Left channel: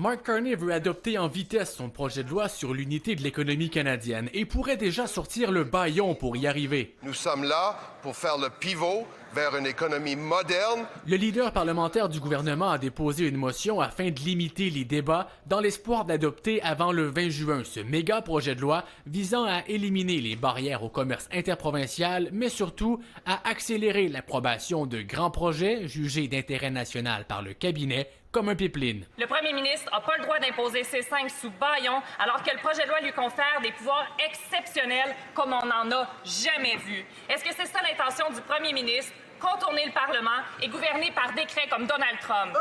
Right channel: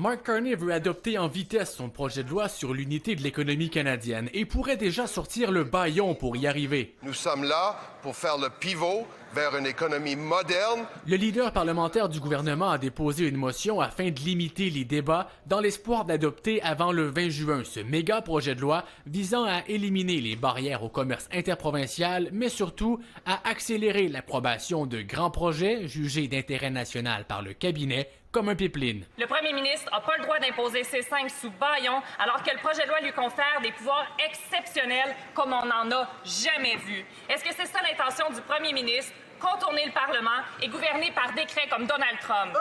Mark Carney veut adopter en vitesse son projet de loi sur l'unité de l'économie canadienne et pourrait déjà sortir le bâillon pour y arriver. Nous sommes là pour faire le pivot vers une économie moderne. Le leader parlementaire du gouvernement a déposé une motion afin de limiter les débats dans l'espoir d'adopter avant le 20 juin ce méga projet de loi visant à éliminer les barrières au commerce interprovincial, mais surtout à accélérer l'approbation de grands projets jugés d'intérêt national par le cabinet, comme un pipeline. Le premier ministre n'a pas le droit d'imposer C5 sous bâillon, alors que le projet de loi lui confère des pouvoirs exceptionnels comme on n'en a jamais vu. Est-ce que c'est ça l'intention du premier ministre? Contourner le Parlement et gouverner par décret comme Donald Trump.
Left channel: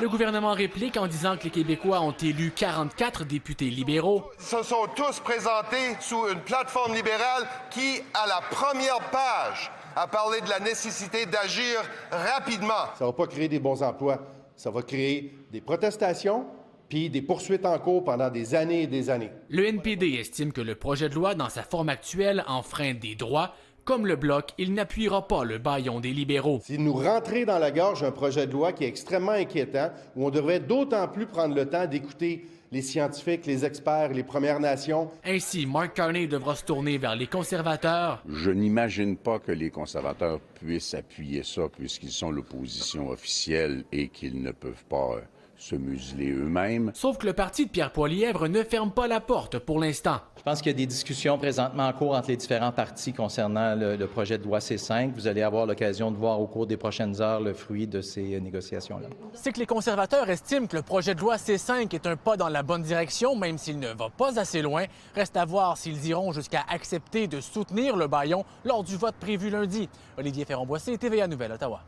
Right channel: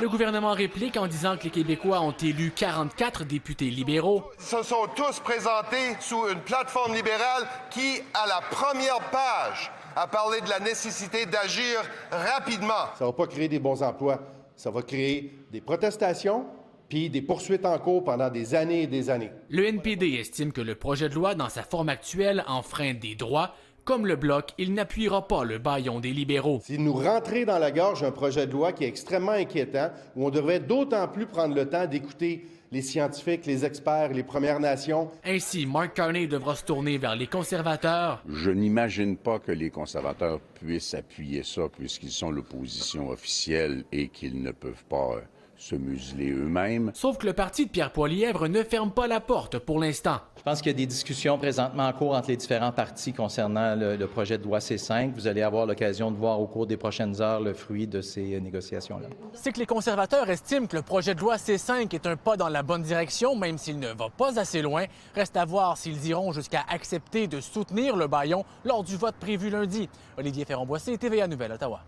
Le gouvernement réplique en disant que les Québécois ont élu 44 députés libéraux. Ils se sont tous présentés sous une plateforme libérale qui, à la première page, a parlé de la nécessité d'agir rapidement. Ça ne va pas créer des bons emplois, ça va créer des protestations puis des poursuites en cours pendant des années et des années. Le NPD estime que le projet de loi, dans sa forme actuelle, enfreint des droits. Comme le Bloc, il n'appuiera pas le bâillon des libéraux. Si nous rentrons dans la gorge un projet de loi qui est extrêmement inquiétant, où on devrait d'autant plus prendre le temps d'écouter les scientifiques, les experts, les Premières Nations. Ainsi, Mark Carney devra se tourner vers les conservateurs. Je n'imagine pas que les conservateurs puissent appuyer ça puisqu'ils sont l'opposition officielle et qu'ils ne peuvent pas se museler eux-mêmes. Sauf que le parti de Pierre Poilievre ne ferme pas la porte pour l'instant. Je pense qu'il y a des discussions présentement en cours entre les différents partis concernant le projet de loi C5. Vous allez avoir l'occasion de voir au cours des prochaines heures le fruit de ces négociations-là. C'est que les conservateurs estiment que le projet de loi C5 est un pas dans la bonne direction, même s'il ne va pas assez loin. Reste à voir s'ils iront jusqu'à accepter de soutenir le bâillon lors du vote prévu lundi. Olivier Ferron-Boissé, TVA Nouvelle, Ottawa.